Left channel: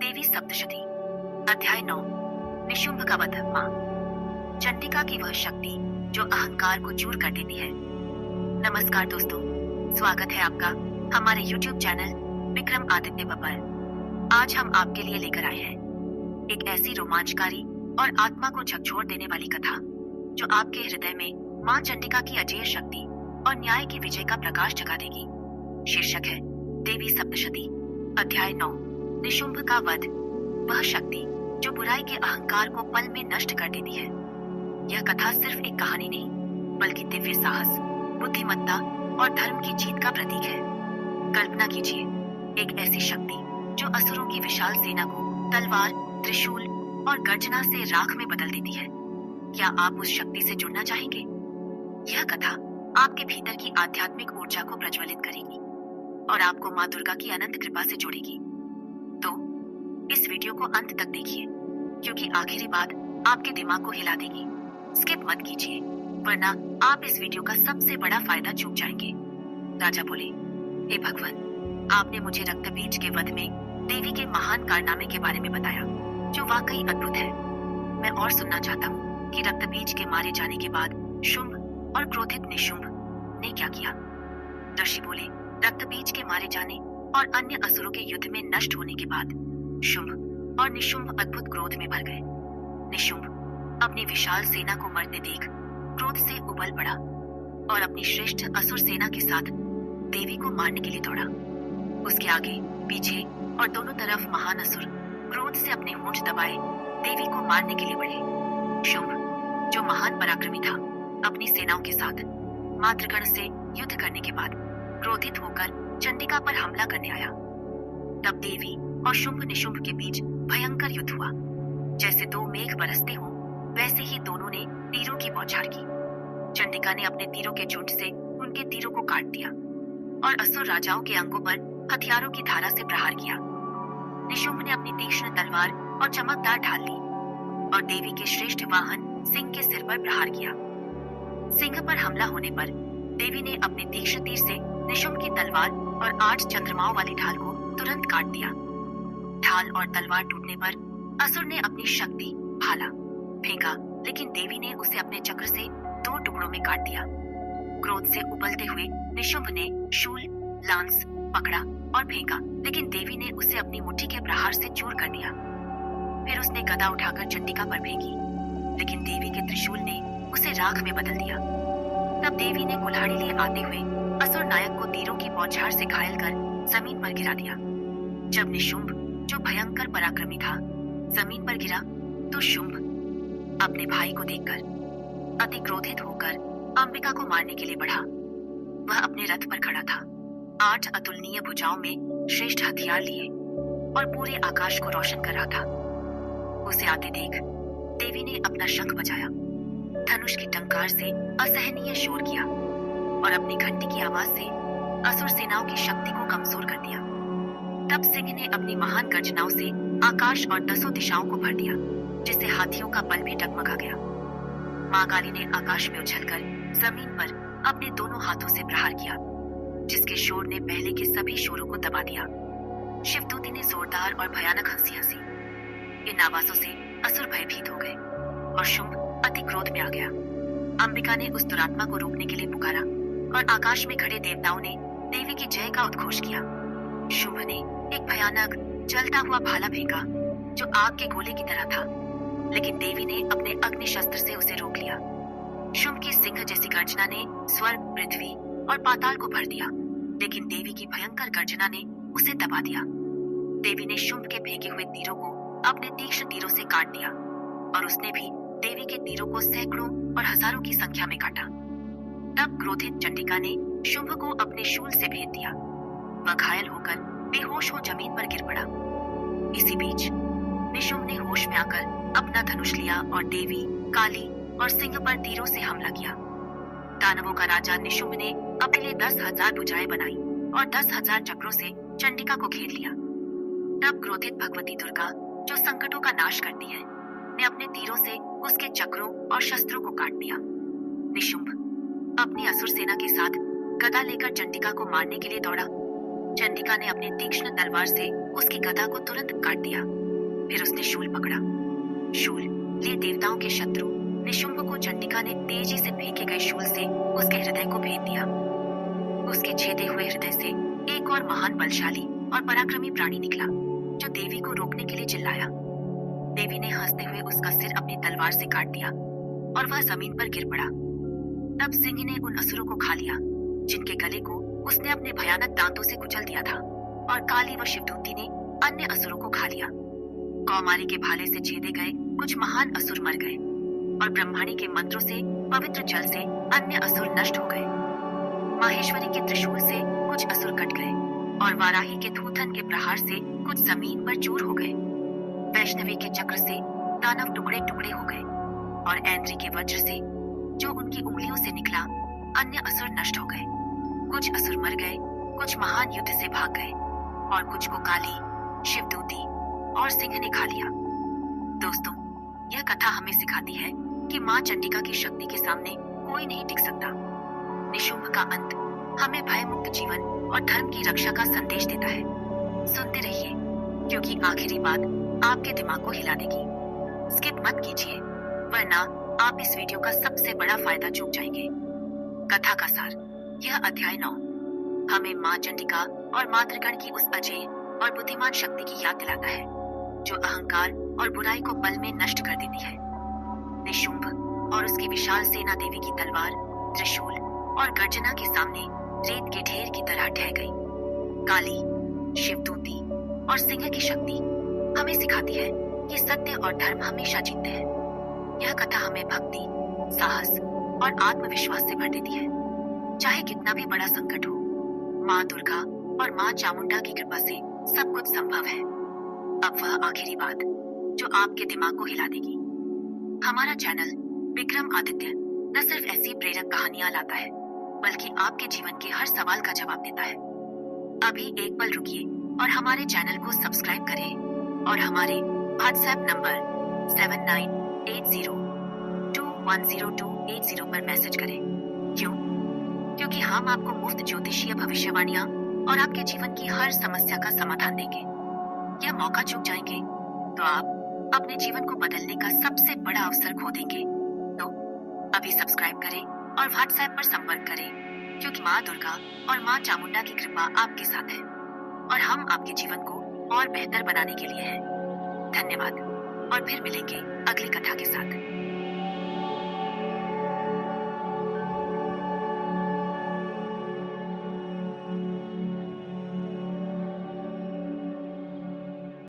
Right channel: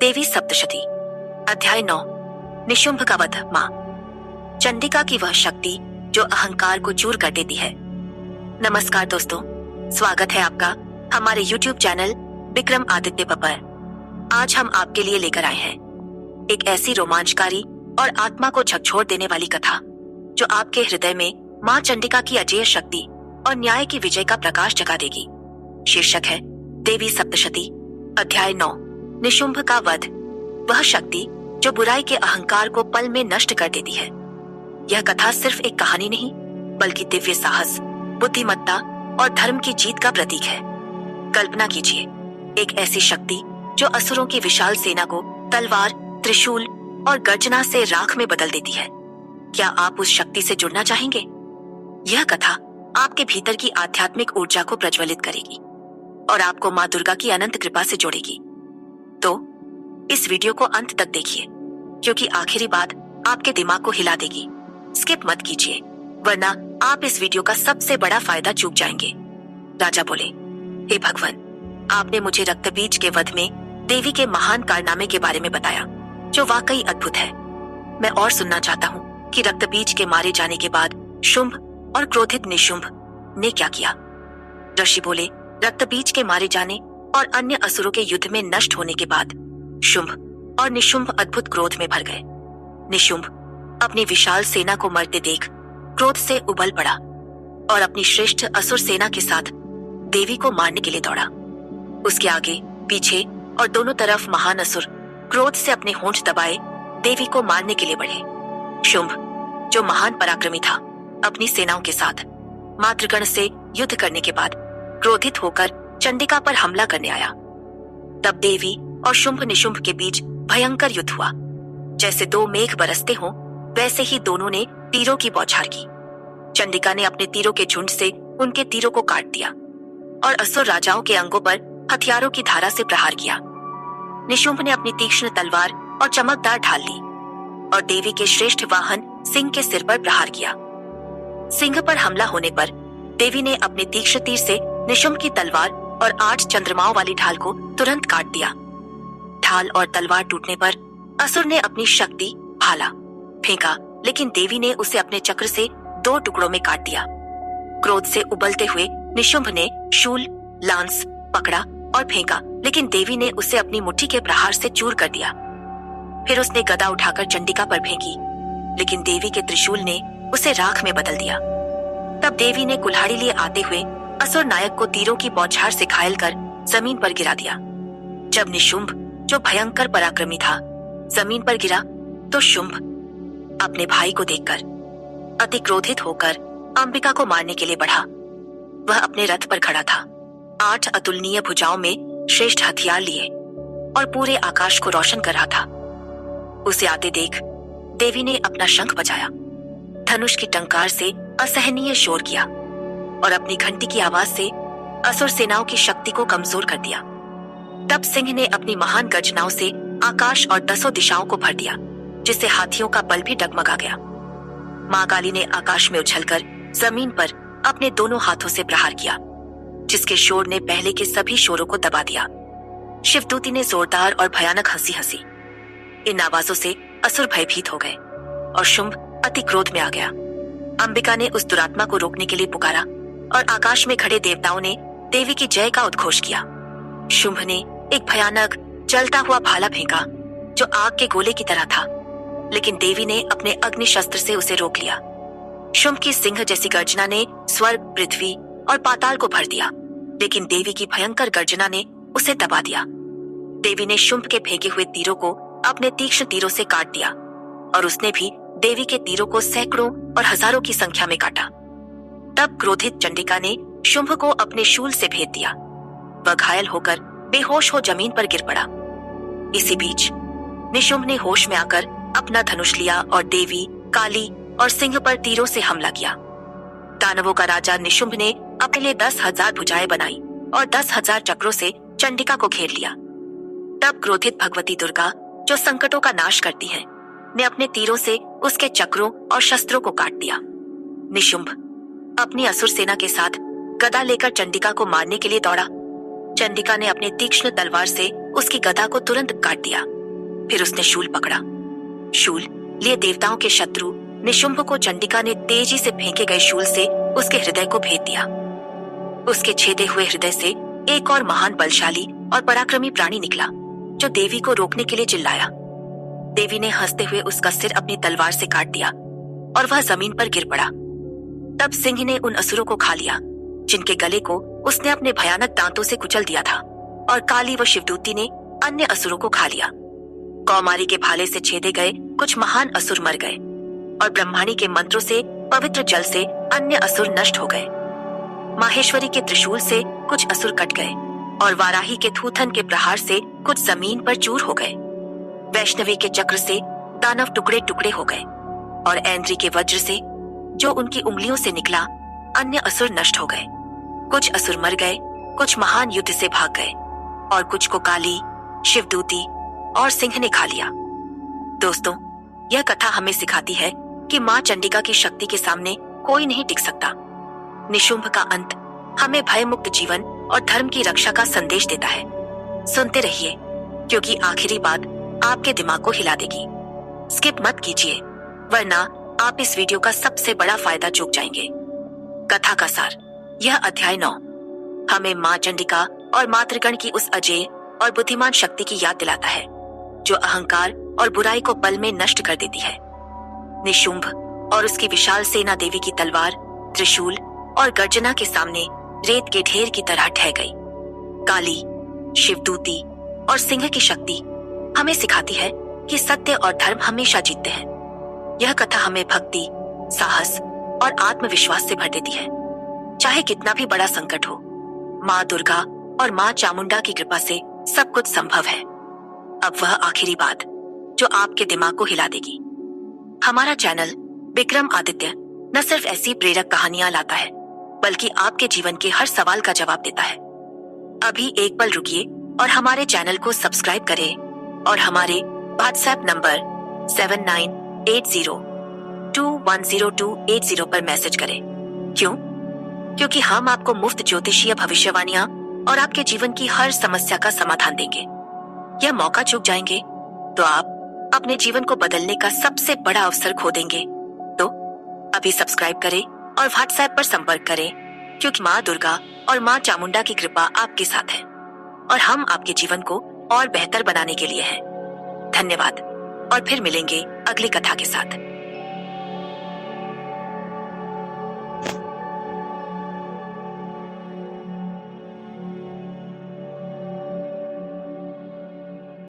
देवी सप्तशती अध्याय 9 निशुंभ का वध। मां चंडिका की वह शक्ति जो अहंकार को चूर कर देती है। नमस्कार दोस्तों, स्वागत है आपका हमारे YouTube चैनल विक्रम आदित्य पर। आज हम आपके लिए लेकर आए हैं एक ऐसी रोमांचकारी और आत्मा को झकझोर देने वाली कथा जो आपके हृदय में मां चंडिका की अजेय शक्ति और न्याय की विजय का प्रकाश जगा देगी। शीर्षक है देवी सप्तशती अध्याय 9 निशुंभ का वध। वह शक्ति जो बुराई के अहंकार को पल में नष्ट कर देती है। यह कथा सिर्फ एक कहानी नहीं बल्कि दिव्य साहस, बुद्धिमत्ता और धर्म की जीत का प्रतीक है। कल्पना कीजिए, एक ऐसी शक्ति जो असुरों की विशाल सेना को तलवार, त्रिशूल और गर्जना से राख में बदल देती है। क्या आप उस शक्ति से जुड़ना चाहेंगे? यह कथा आपके भीतर की आध्यात्मिक ऊर्जा को प्रज्वलित करेगी और आपको मां दुर्गा की अनंत कृपा से जोड़ेगी। तो इस वीडियो को अंत तक देखिए, क्योंकि आखिरी बात आपके दिमाग को हिला देगी। स्किप मत कीजिए, वरना आप इस वीडियो का सबसे बड़ा फायदा चूक जाएंगे। राजा बोले, हे भगवान, आपने मुझे रक्तबीज के वध में देवी के महान कारनामे के बारे में बताया जो वाकई अद्भुत है। मैं और सुनना चाहता हूँ कि रक्तबीज के मारे जाने के बाद शुंभ और क्रोधित निशुंभ ने क्या किया। ऋषि बोले, रक्तबीज के मारे जाने और अन्य असुरों के युद्ध में नष्ट होने के बाद शुंभ और निशुंभ अद्भुत क्रोध में भर गए। निशुंभ अपनी विशाल सेना को मरते देख क्रोध से उबल पड़ा और अपनी श्रेष्ठ असुर सेना के साथ देवी को मारने के लिए दौड़ा। उसके आगे पीछे और दोनों तरफ महान असुर क्रोध से अपने होंठ दबाए देवी को मारने के लिए बढ़े। शुंभ, जो महान पराक्रमी था, अपनी सेनाओं के साथ मातृगण से युद्ध करने के बाद क्रोधित होकर चंडिका पर हमला करने आया। तब देवी और शुंभ निशुंभ के बीच भयंकर युद्ध हुआ। जैसे दो मेघ बरसते हों, वैसे ही दोनों ने तीरों की बौछार की। चंडिका ने अपने तीरों के झुंड से उनके तीरों को काट दिया और असुर राजाओं के अंगों पर हथियारों की धारा से प्रहार किया। निशुंभ ने अपनी तीक्ष्ण तलवार और चमकदार ढाल ली और देवी के श्रेष्ठ वाहन सिंह के सिर पर प्रहार किया। सिंह पर हमला होने पर देवी ने अपने तीक्ष्ण तीर से निशुंभ की तलवार और 8 चंद्रमाओं वाली ढाल को तुरंत काट दिया। ढाल और तलवार टूटने पर असुर ने अपनी शक्ति भाला फेंका, लेकिन देवी ने उसे अपने चक्र से 2 टुकड़ों में काट दिया। क्रोध से उबलते हुए निशुंभ ने शूल, लांस पकड़ा और फेंका, लेकिन देवी ने उसे अपनी मुट्ठी के प्रहार से चूर कर दिया। फिर उसने गदा उठाकर चंडिका पर फेंकी, लेकिन देवी के त्रिशूल ने उसे राख में बदल दिया। तब देवी ने कुल्हाड़ी लिए आते हुए असुर नायक को तीरों की बौछार से घायल कर जमीन पर गिरा दिया। जब निशुंभ, जो भयंकर पराक्रमी था, जमीन पर गिरा तो शुंभ अपने भाई को देखकर अति क्रोधित होकर अंबिका को मारने के लिए बढ़ा। वह अपने रथ पर खड़ा था, 8 अतुलनीय भुजाओं में श्रेष्ठ हथियार लिए और पूरे आकाश को रोशन कर रहा था। उसे आते देख देवी ने अपना शंख बजाया, धनुष की टंकार से असहनीय शोर किया और अपनी घंटी की आवाज से असुर सेनाओं की शक्ति को कमजोर कर दिया। तब सिंह ने अपनी महान गर्जनाओं से आकाश और 10 दिशाओं को भर दिया, जिससे हाथियों का बल भी डगमगा गया। मां काली ने आकाश में उछलकर जमीन पर अपने दोनों हाथों से प्रहार किया, जिसके शोर ने पहले के सभी शोरों को दबा दिया। शिवदूती ने जोरदार और भयानक हंसी हंसी। इन आवाजों से असुर भयभीत हो गए और शुंभ अति क्रोध में आ गया। अंबिका ने उस दुरात्मा को रोकने के लिए पुकारा और आकाश में खड़े देवताओं ने देवी की जय का उद्घोष किया। शुंभ ने एक भयानक जलता हुआ भाला फेंका जो आग के गोले की तरह था, लेकिन देवी ने अपने अग्नि शस्त्र से उसे रोक लिया। शुंभ की सिंह जैसी गर्जना ने स्वर्ग, पृथ्वी और पाताल को भर दिया, लेकिन देवी की भयंकर गर्जना ने उसे दबा दिया। देवी ने शुंभ के फेंके हुए तीरों को अपने तीक्ष्ण तीरों से काट दिया और उसने भी देवी के तीरों को सैकड़ों और हजारों की संख्या में काटा। तब क्रोधित चंडिका ने शुंभ को अपने शूल से भेद दिया। वह घायल होकर बेहोश हो जमीन पर गिर पड़ा। इसी बीच निशुंभ ने होश में आकर अपना धनुष लिया और देवी, काली और सिंह पर तीरों से हमला किया। दानवों का राजा निशुंभ ने अपने लिए 10,000 भुजाएं बनाई और 10,000 चक्रों से चंडिका को घेर लिया। तब क्रोधित भगवती दुर्गा, जो संकटों का नाश करती है, ने अपने तीरों से उसके चक्रों और शस्त्रों को काट दिया। निशुंभ अपनी असुर सेना के साथ गदा लेकर चंडिका को मारने के लिए दौड़ा। चंडिका ने अपने तीक्ष्ण तलवार से उसकी गदा को तुरंत काट दिया। फिर उसने शूल पकड़ा। शूल लिए देवताओं के शत्रु निशुंभ को चंडिका ने तेजी से फेंके गए शूल से उसके हृदय को भेद दिया। उसके छेदे हुए हृदय से एक और महान बलशाली और पराक्रमी प्राणी निकला, जो देवी को रोकने के लिए चिल्लाया। देवी ने हंसते हुए उसका सिर अपनी तलवार से काट दिया और वह जमीन पर गिर पड़ा। तब सिंह ने उन असुरों को खा लिया, जिनके गले को उसने अपने भयानक दांतों से कुचल दिया था, और काली व शिवदूती ने अन्य असुरों को खा लिया। कौमारी के भाले से छेदे गए कुछ महान असुर मर गए, और ब्रह्माणी के मंत्रों से पवित्र जल से अन्य असुर नष्ट हो गए। माहेश्वरी के त्रिशूल से कुछ असुर कट गए, और वाराही के थूथन के प्रहार से कुछ जमीन पर चूर हो गए। वैष्णवी के चक्र से दानव टुकड़े टुकड़े हो गए, और ऐन्द्री के वज्र से जो उनकी उंगलियों से निकला अन्य असुर नष्ट हो गए। कुछ असुर मर गए, कुछ महान युद्ध से भाग गए, और कुछ को काली, शिवदूती और सिंह ने खा लिया। दोस्तों, यह कथा हमें सिखाती है कि माँ चंडिका की शक्ति के सामने कोई नहीं टिक सकता। निशुंभ का अंत हमें भय मुक्त जीवन और धर्म की रक्षा का संदेश देता है। सुनते रहिए, क्योंकि आखिरी बात आपके दिमाग को हिला देगी। स्किप मत कीजिए, वरना आप इस वीडियो का सबसे बड़ा फायदा चूक जाएंगे। कथा का सार। यह अध्याय 9 हमें माँ चंडिका और मातृगण की उस अजेय और बुद्धिमान शक्ति की याद दिलाता है, जो अहंकार और बुराई को पल में नष्ट कर देती है। निशुंभ और उसकी विशाल सेना देवी की तलवार, त्रिशूल और गर्जना के सामने रेत के ढेर की तरह ढह गई। काली, शिवदूती और सिंह की शक्ति हमें सिखाती है कि सत्य और धर्म हमेशा जीतते हैं। यह कथा हमें भक्ति, साहस और आत्मविश्वास से भर देती है। चाहे कितना भी बड़ा संकट हो, माँ दुर्गा और माँ चामुंडा की कृपा से सब कुछ संभव है। अब वह आखिरी बात जो आपके दिमाग को हिला देगी। हमारा चैनल विक्रम आदित्य न सिर्फ ऐसी प्रेरक कहानियां लाता है, बल्कि आपके जीवन के हर सवाल का जवाब देता है। अभी एक पल रुकिए और हमारे चैनल को सब्सक्राइब करें और हमारे व्हाट्सएप नंबर 7980210280 पर मैसेज करें। क्यों? क्योंकि हम आपको मुफ्त ज्योतिषीय भविष्यवाणियां और आपके जीवन की हर समस्या का समाधान देंगे। यह मौका चूक जाएंगे तो आप अपने जीवन को बदलने का सबसे बड़ा अवसर खो देंगे। तो अभी सब्सक्राइब करें और व्हाट्सएप पर संपर्क करें, क्योंकि माँ दुर्गा और माँ चामुंडा की कृपा आपके साथ है और हम आपके जीवन को और बेहतर बनाने के लिए हैं। धन्यवाद, और फिर मिलेंगे अगली कथा के साथ।